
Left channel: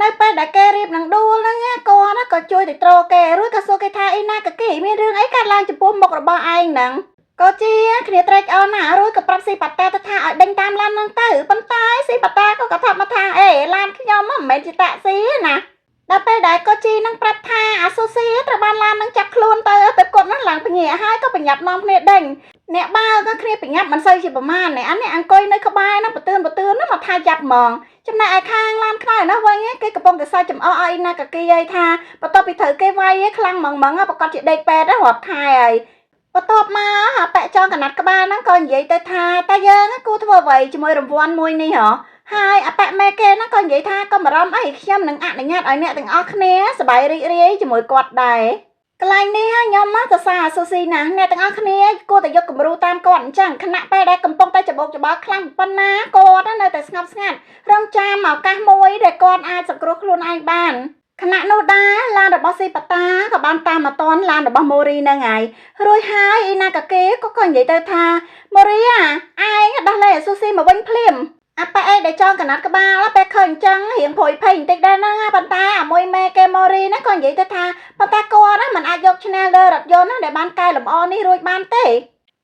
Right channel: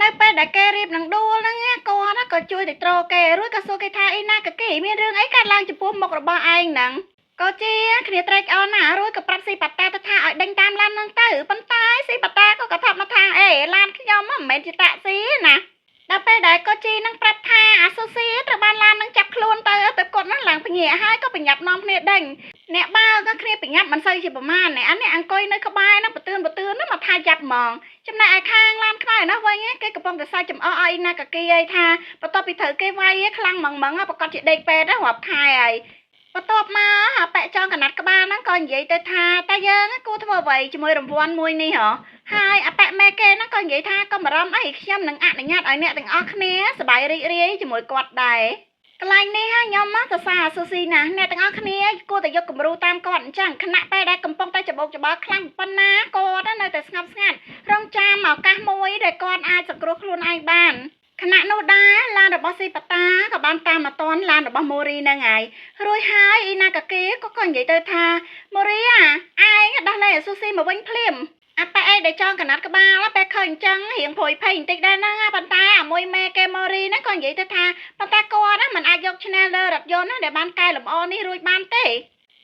នៅពេលដែលគេរៀបនឹងដួលហ្នឹងគាត់ក៏ជួយទៅត្រគេរួចក៏សួរគេថាអ៊ីណាកាគីមានរឿងអីកើតឡើងចំពោះមុខរបស់ឯងហ្នឹងក៏ជាគ្នាត្រេកអរណាស់រួចក៏ប្រាប់ស៊ីបាតាទៅថាឲ្យដេញតាមឡានហ្នឹងទៅប៉ុន្តែស៊ីបាតាក៏ថាមកថាអេឡានខ្ញុំមិនមែនជាតាក់ស៊ីណាដល់ពេលដែលកូជីនឹងប្រាប់ថាអាស៊ូស៊ីត្រូវបានឡាននឹងចាប់ខ្លួនទៅគាត់នឹងឡើងពញាហើយក៏ប្រញាប់នាំគ្នាដេញអ្នកបើក៏គ្នាប្រញាប់មិនសូវជាប្រមាណនេះអានេះអង្គុយនៅក្បែរហ្នឹងបទឿនហ្នឹងមកថាចាប់ហ្មងចំណែកឯខាងឡានខ្នើយណាវិញគេកំពុងតែសើចចំអកឲ្យណាកាគីឲ្យថាបន្ទាប់ពីត្រូវគេវាយខ្លាំងហ្មងប្រកាសជាដេកពេទ្យរាប់ខែហើយបន្ទាប់មកប៉ែចងកណាត់ក្បាលហ្នឹងក៏និយាយទៅថាតែយើងគួរធ្វើអ្វីជាមួយរង្វាន់មួយនេះហ៎ហើយអបមេគេហ្នឹងក៏និយាយថាកុំបារម្ភអីខ្ញុំនឹងអនុញ្ញាតឲ្យអ្នកទាំងអស់គ្នាសប្បាយរីករាយជាមួយគាត់ដែរកន្លែងនេះខ្ញុំមកសរសើរអាស៊ូស៊ីណាអ្នកទាំងអស់គ្នាគួរតែយកគំរូតាមគាត់អញ្ចឹងខណៈពេលដែលកំពុងតែច្បោកច្បល់ខ្លាំងប៉ុណ្ណាគាត់នៅតែស្ងប់ស្ងាត់រងចាំឱកាសមួយដែលគាត់អាចសង្គ្រោះខ្លួនឯងបានខណៈនោះដែរឡានរបស់ស៊ីបតាក៏បានតាមមកតនឡានរបស់ម៉ូរីហ្នឹងហើយរួចហើយអ៊ីណាកាគីក៏និយាយទៅថាម៉ូរីឯងដោះលែងអាស៊ូស៊ីមកវិញភ្លាមអាប៉ែអេដែលចងកណាត់ក្បាលពេលឃើញអញ្ចឹងរៀងព្រួយភ័យបន្តិចដែរហ្នឹងប៉ុន្តែអាមួយមេគេម៉ូរីណាក៏និយាយទៅថាប៉ុន្តែគាត់មិនអាចយកឈ្នះលើរថយន្តដែលបានកែលម្អនេះរួចបានទេ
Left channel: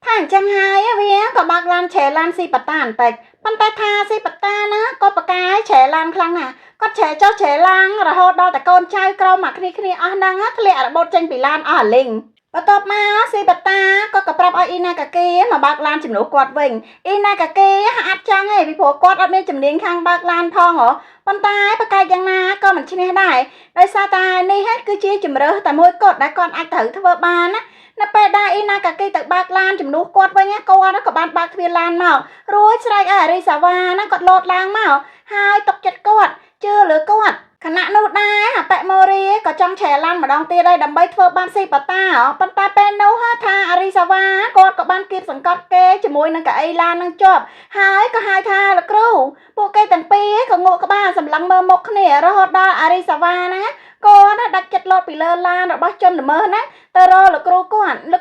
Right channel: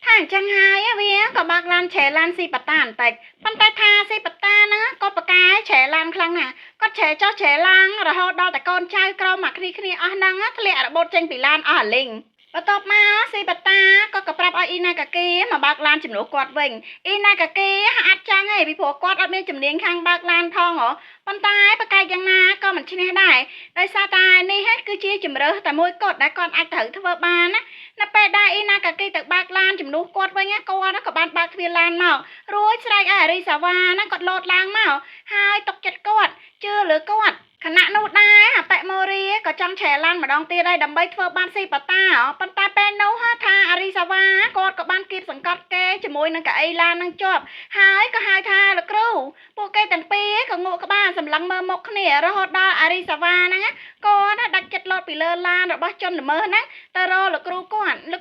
ថាអញ្ចឹងហើយវាក៏បើកឡានឆេឡានស៊ីបតាបន្តិចប៉ុន្តែថាស៊ីបតាណាក៏ប្រកែឆេឡានខ្លាំងណាស់គាត់ឆេចុះឆេឡើងរហូតដល់តែកូនចៅក្រមមកគ្នាអស់ហ្នឹងធ្លាក់របូតចេញពីឡានអស់អាលីងបន្ទាប់មកស៊ីបតាក៏ប្រាប់ឲ្យអ៊ីណាកាគីមកបើកឡានជំនួសគាត់វិញអ៊ីណាកាគីអត់ចង់ទេពីព្រោះគាត់អត់មានជំនាញខាងបើកឡានផងប៉ុន្តែប្រកែកយ៉ាងណាក៏មិនឈ្នះដែរដោយសារតែនេះគឺជាជំរើសតែមួយគត់ដែលគាត់អាចត្រូវធ្វើបានណានៅពេលដែលអ៊ីណាកាគីទៅបើកឡានជំនួសគាត់វិញគាត់ក៏បានបើកទ្វារឡានមករួចស្រែកឲ្យអារីសាវ៉ាហ្នឹងគាត់លោតឡើងមកហើយຕົកចិត្តគាត់ជឿលើគាត់ខណៈនោះដែរប៉ម៉ូរីក៏ ចង់ឆែឡានម្ដងទៀតហើយដើម្បីធ្វើបានស៊ីប៉ាតាប៉ុន្តែពេលនោះថាអារីសាវ៉ាគាត់ក៏បានគៀបសង្កត់គេជាមួយនឹងកៅអីឡាននឹងជាប់ហើយក៏ហៅថាលោកគ្រូពួកគេទាំងពីរក៏ងក់ក្បាលសម្លឹងមើលមុខគ្នារហូតដល់អារីសាវ៉ាហ្នឹងគាត់ដាច់ចិត្តលោតពីលើឡានរបស់ជនល្មើសហ្នឹងទៅរកលោកគ្រូគាត់ហ្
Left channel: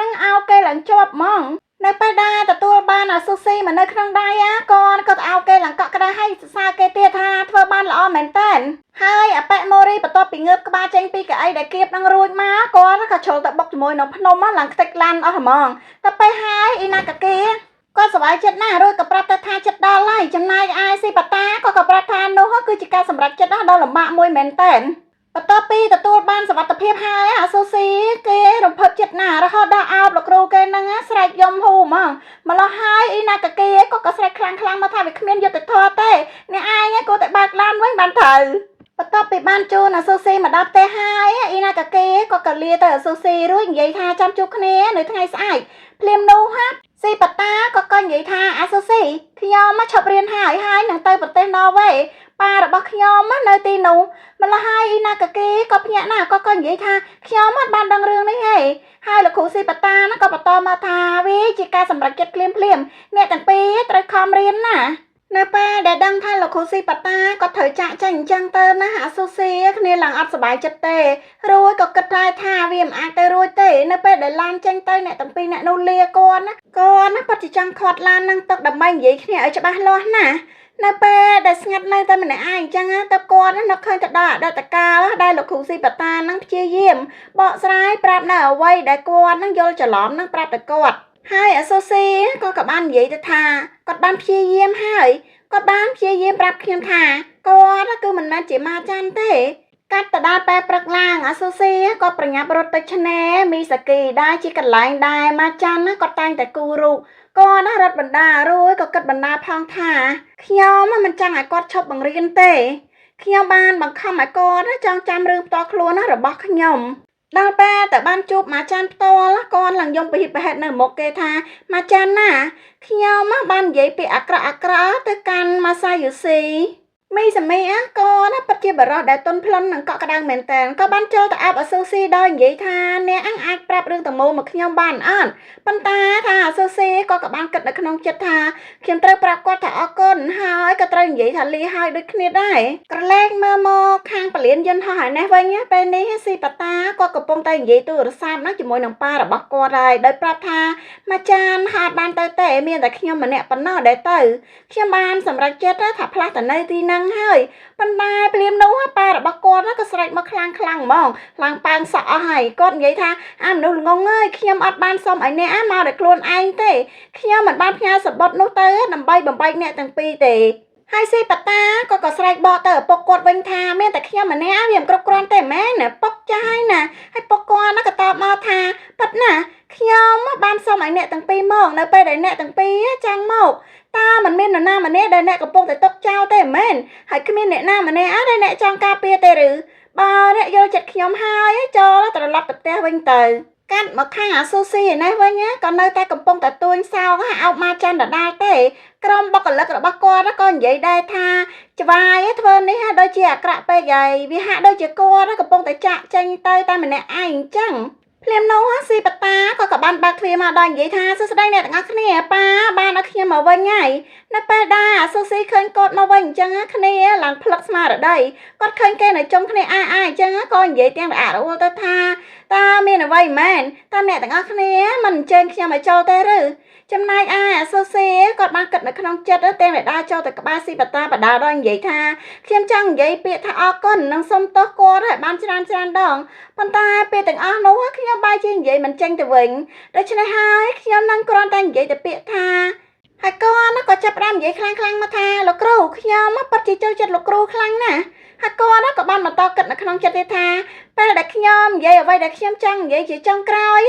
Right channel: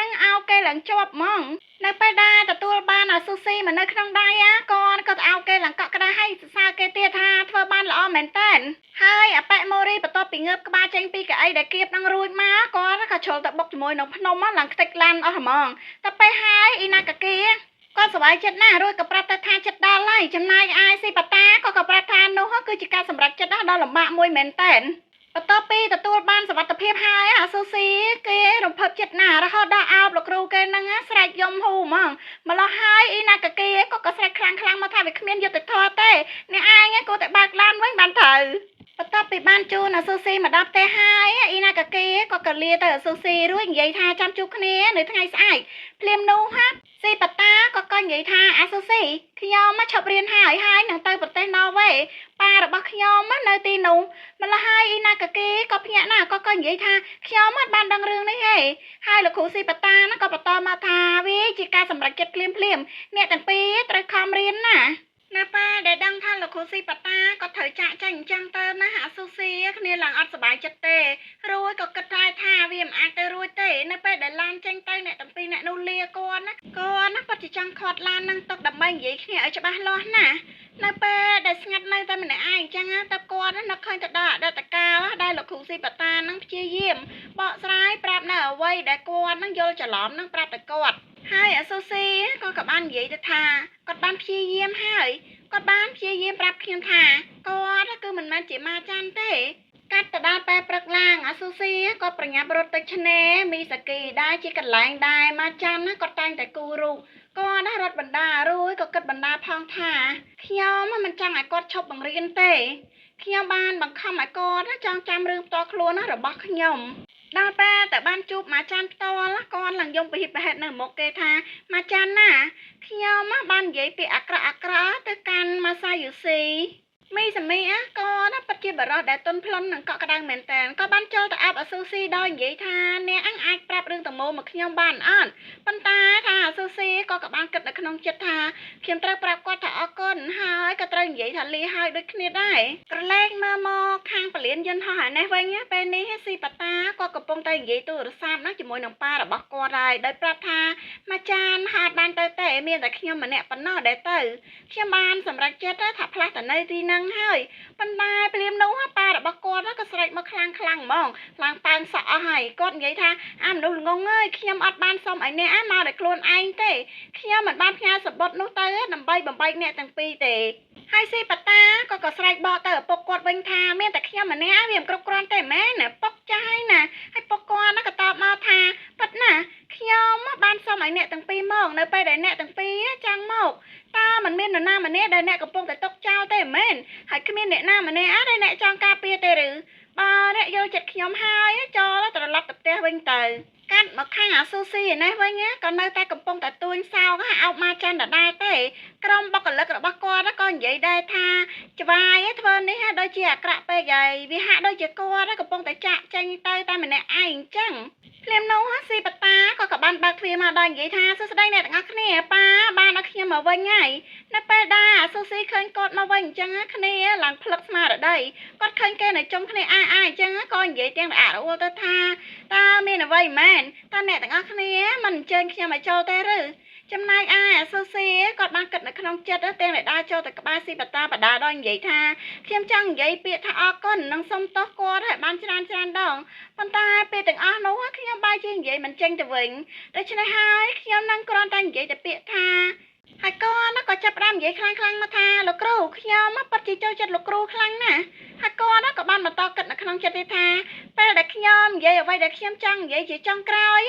នឹងអោគេឡើងជាប់ហ្មងនៅពេលដែលទទួលបានអាស៊ូស៊ីមកនៅក្នុងដៃគាត់ក៏អោគេឡើងកក់ក្ដៅឲ្យសរសើរគេទៀតថាធ្វើបានល្អមែនតើហើយអបិម៉ូរីបន្ទាប់ពីងើបក្បាលចេញពីកៅអីដែលគៀបនឹងរួចមកគាត់ក៏ជ្រុលទៅបុកជាមួយនឹងភ្នំឡើងខ្ទេចឡានអស់ហ្មងតែពេលហើយអ៊ីណាកាគីគាត់សប្បាយចិត្តណាស់រួចក៏ប្រាប់ទៅថាចិត្តដល់ហើយចំណែកឯស៊ីប៉ាតាក៏ប្រាប់ថានោះគឺជាការសម្រេចចិត្តដ៏លំបាកមួយមែនតើបន្ទាប់ពីទទួលបានសុវត្ថិភាពហើយអាស៊ូស៊ីគេរំភើបចិត្តណាស់រហូតដល់អោបលោកគ្រូគេនឹងស្រែកយំហូហ្មងម្លោះហើយអ៊ីណាកាគីក៏ស្រែកខ្លាំងមកថាវាគ្មានយុត្តិធម៌ទេអ្នកឯងក៏តែបើកឡានវិញបានត្រូវបន្ទាប់ពីបានជូនអាស៊ូស៊ីមកដល់ផ្ទះហើយអ៊ីណាកាគីក៏លាទៅអាស៊ូស៊ីរួចនិយាយថាចាំជួបគ្នានៅថ្ងៃស្អែកភ្លាមនោះស៊ីប៉ាតាក៏និយាយថាអាស៊ូស៊ីខ្ញុំមកឈប់រៀនហើយនឹងទៅប្រទេសណ័រវេប៉ារបស់ខ្ញុំនៅទីនោះម្ល៉េះហើយអ៊ីណាកាគីក៏ភ្ញាក់ណាស់ក៏និយាយថាខ្ញុំអត់បានដឹងរឿងនេះទេហើយលោកគ្រូស៊ីប៉ាតាក៏បន្តមកថាវាជាការសម្រេចចិត្តភ្លាមអ្នកទាំងពីរត្រូវខំរៀនណានៅពេលដែលដឹងថាលោកគ្រូស៊ីប៉ាតាក៏ត្រូវចាក់ចេញអញ្ចឹងទៅណាអាស៊ូស៊ីគ្នាឡើងអត់សប្បាយចិត្តទេរួចក៏គិតថាវាមិនអាចទៅរួចទេនៅពេលដែលឡានចេញទៅអ្នកទាំងពីរអ្នកនោះលាគាត់ណាពិតជាចង់ខាត់ឡាននឹងទុកដើម្បីនិយាយគ្នាឲ្យច្បាស់លាស់ណានៅពេលដែលស្ងាត់នៅតែម្នាក់ឯងអញ្ចឹងទៅគាត់នឹកឃើញទៅដល់អតីតកាលដែលលោកគ្រូស៊ីប៉ាតានឹងព្យាយាមបកស្រាយប្រាប់នៅអ្វីដែលគាត់នឹងយល់ច្រឡំនឹងប្រាប់ទៅគាត់ហើយអាស៊ូស៊ីក៏បាននិយាយទៅថាគាត់បានព្យាយាមហើយគាត់បានព្យាយាមប្រាប់ខ្ញុំថាគាត់គឺមិនមែនជាម៉ាចាន់ទេកាត់ទៅដល់ពេលព្រឹកឡើងអាស៊ូស៊ីគាត់ប្រញាប់រត់ទៅឆ្នេរមីសាគីដែលជាកន្លែងដែលម៉ាចាន់គាត់តែងតែគូររូបគាត់រត់បណ្ដារួចក៏គិតបណ្ដាផងថាខ្ញុំមិនចង់ឲ្យគាត់ឈប់បង្រៀនទេខ្ញុំបានបង្ខំឲ្យគាត់ចងចាំរឿងផ្ទាល់ខ្លួនរបស់ខ្ញុំដល់ពេលតែបានជួបម៉ាចាន់ផ្ទាល់គាត់ឡើងយំប្រហិតប្រហែលនៅមុខគេថាម៉ាចាន់ណាខ្ញុំបាននិយាយពាក្យអាក្រក់ទៅកាន់ម៉ាសាយូស៊ីមីសាមីគាត់ពិតជាបរិសុទ្ធដែលទន់ភ្លន់និងកក់ក្ដៅមែនតើក៏បានចូលទៅអាប់អាស៊ូស៊ីដោយនិយាយថាអ្នកអាចប្រាប់រឿងទាំងមូលមកខ្ញុំបានអត់ប៉ុន្តែថាអាស៊ូស៊ីក៏បានគិតនៅក្នុងចិត្តថាខ្ញុំត្រូវប្រាប់គាត់ថាអរគុណហើយក៏ត្រូវនិយាយថាលាហើយដូចគ្នាដែរក្រឡេកមើលមកខាងពលានយន្តហោះឯនេះវិញពេលនេះស៊ីប៉ាតាក៏កំពុងតែនិយាយទូរស័ព្ទជាមួយនឹងប៉ារបស់គាត់ហើយដោយប្រាប់ថាម៉ាចានហាត់បានទៅទេមានតែខ្ញុំម្នាក់ប៉ុណ្ណោះដែលទៅខ្ញុំបានសម្រេចចិត្តថាផ្លាស់ទៅនៅទីហ្នឹងហើយប៉ុន្តែភ្លាមនោះប៉ារបស់គាត់ក៏ស្រែកមកខ្លាំងហ្មងឡើងប៉ាងសក់អស់ហើយគាត់និយាយថាមនុស្សល្ងងអើយខ្ញុំអត់បានសុំឲ្យអ្នកមកដោយខ្លួនឯងទេខ្ញុំមិនបានផ្ញើសម្បត្តិនោះទៅដើម្បីបំបែកអ្នកទាំងពីរទេហើយស៊ីប៉ាតាក៏ស្រែកបកទៅឪពុកគាត់វិញថាមានតែខ្ញុំម្នាក់វាមិនគ្រប់គ្រាន់ទេមែនពុកចាស់ណាហើយពុកគាត់ក៏តបមកថាប៉ិតណាខ្ញុំបានសុំឲ្យអ្នកទាំងពីរមកនៅពេលដែលអ្នកទាំងពីរចង់មកតើមិនមាននរណាម្នាក់ដែលអ្នកកំពុងតែຕົកចោលទេមែនហើយគ្មានអ្នកណាម្នាក់ដែលអ្នកចង់ការពារទេឬបើអ្នកយល់ចិត្តខ្ញុំហើយចូលត្រឡប់ទៅផ្ទះវិញទៅកាត់មកខាងអាស៊ូស៊ីឯនេះវិញក៏នៅតែកំពុងតែទួញសោកអោបមកចាន់ដដែលទេក្រុមបុគ្គលិករបស់គាត់ក៏និយាយដែរថាច្បាយធ្វើនេះដូចជាអាក្រក់ពេកហើយវាហាក់ដូចជាគាត់កំពុងតែចាក់ចេញទៅតែម្នាក់ឯងអញ្ចឹងភ្លាមនោះស៊ីប៉ាតាក៏បានបើកទ្វារមកដល់និយាយថាសួស្ដីអ្នកទាំងអស់គ្នាប៉ាបានឲ្យខ្ញុំមកវិញហើយនៅពេលដែលអាស៊ូស៊ីឃើញគាត់មកវិញអញ្ចឹងគ្នាឡើងផ្លឹកស្មារតីគាត់ឃើញគេនៅចុងគ្នាអញ្ចឹងក៏និយាយទាំងរអាក់រអួលទៅថាតើមានអ្វីមែនតើអ្នកទាំងអស់គ្នាមិនអញ្ជើញខ្ញុំឲ្យចូលទេឬចំណែកឯអាស៊ូស៊ីគាត់បានគិតនៅក្នុងចិត្តទាំងដែលដើរចូលទៅក្បែរស៊ីប៉ាតាបដាដល់និយាយថាខ្ញុំចង់និយាយពាក្យថាអរគុណនិងសូមទោសគាត់ឲ្យបានច្រើនដងប៉ុន្តែពាក្យទាំងអស់នោះខ្ញុំបែរជានិយាយមិនចេញទៅវិញដូច្នេះហើយខ្ញុំនឹងគ្រាន់តែនិយាយតែពាក្យថាហើយគាត់ក៏ចាប់ផ្ដើមនិយាយខ្លាំងមកថាលោកគ្រូខ្ញុំពិតជាចូលចិត្តលោកគ្រូខ្លាំងណាស់ហើយគាត់ក៏បានបន្តគិតនៅក្នុងចិត្តថាពេលដែលខ្ញុំនិយាយអ្វីដែលខ្ញុំចង់និយាយជាចុងក្រោយ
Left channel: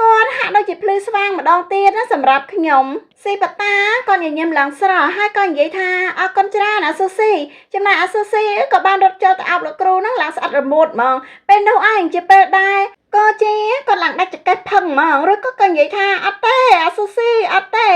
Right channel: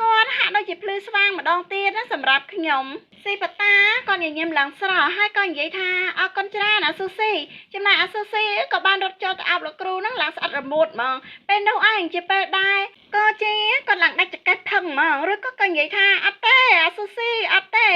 គាត់ហាក់ដូចជាភ្លឺស្វាងម្ដងទៀតសម្រាប់ខ្ញុំស៊ីប៉ាតាក៏ញញឹមឡើងស្រស់ហើយក៏និយាយថាអរគុណច្រើនអាស៊ូស៊ីចំណែកអាស៊ូស៊ីក៏បានរត់ចូលទៅអោបលោកគ្រូនឹងឡើងស្អិតរមួតហ្មងពេលនោះឯងជាពេលដែរក៏ជាគាត់ឡើងដាច់ចង្កេះផឹងហ្មងឬក៏និយាយថាអត់ទេអាស៊ូស៊ីអត់ទេ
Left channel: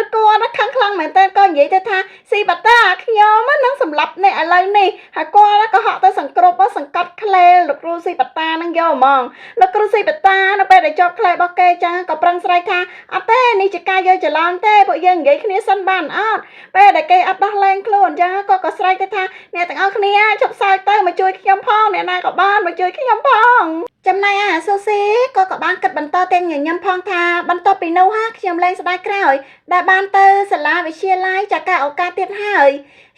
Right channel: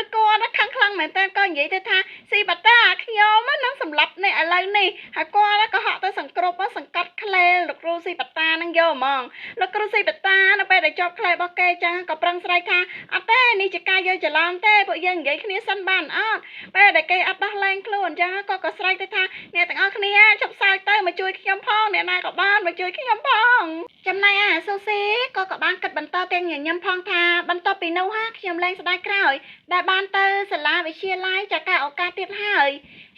ឬគាត់ខឹងខ្លាំងមែនតើក៏និយាយទៅថាស៊ីប៉ាតាខ្ញុំនឹងសម្លាប់អ្នកឥឡូវនេះហើយគាត់ក៏ហក់ទៅសង្គ្រប់សង្កត់ខ្ លេលោកគ្រូស៊ីបតានឹងយកហ្មងលោកគ្រូស៊ីបតានៅពេលដែលចប់ខ្លែរបស់គេចឹងក៏ប្រឹងស្រែកថាអត់ទេនេះជាការយកច្រឡំទេពួកយើងនិយាយគ្នាសិនបានអត់ពេលដែលគេអត់ដោះលែងខ្លួនចឹងក៏ស្រែកទៅថាអ្នកទាំងអស់គ្នាជប់សើចទៅមកជួយខ្ញុំផងអ្នកណាក៏បានមកជួយខ្ញុំផងចំណែកអាស៊ូស៊ីក៏បានគិតបន្តទាំងញញឹមផងថាបន្ទាប់ពីនោះខ្ញុំលែងស្ដាយក្រោយដែលបានទៅសាលាវិទ្យាល័យចាក់ការឱកាសទៀតហើយ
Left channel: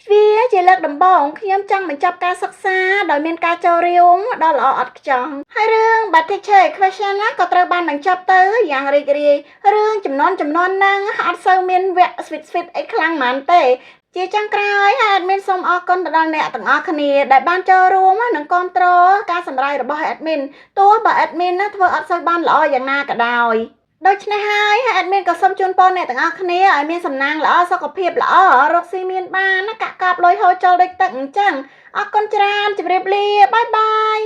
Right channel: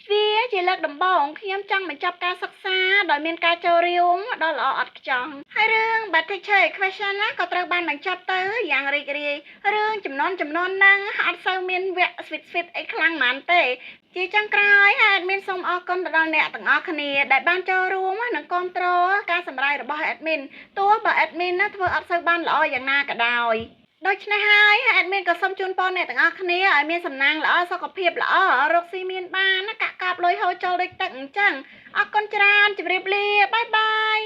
វាជាលើកដំបូងខ្ញុំចង់បញ្ចប់ការសិក្សាដោយមានការចូលរួមដ៏ល្អឥតខ្ចោះហើយរឿង Bad Teacher Equation ណាក៏ត្រូវបានបញ្ចប់ទៅយ៉ាងរីករាយរឿងចំនួនហ្នឹងអត់សូវមានវគ្គ sweet អីខ្លាំងហ្មងទេជាចុងក្រោយហើយadmin សូមអរគុណទៅដល់អ្នកទាំងអស់គ្នាដែលបានចូលរួមនិងគ្រប់គ្រងការសម្ដែងរបស់ admin ទោះបើ admin ណាធ្វើអត់សូវបានល្អយ៉ាងណាក៏ដោយដូច្នេះហើយ admin ក៏សូមជូនពរអ្នកទាំងអស់គ្នាឲ្យមានសំណាងល្អសុខភាពល្អរកស៊ីមានបានកាក់កាបលុយហូរចូលដូចទឹកអញ្ចឹងអរគុណច្រើនជម្រាបលាបាយបាយ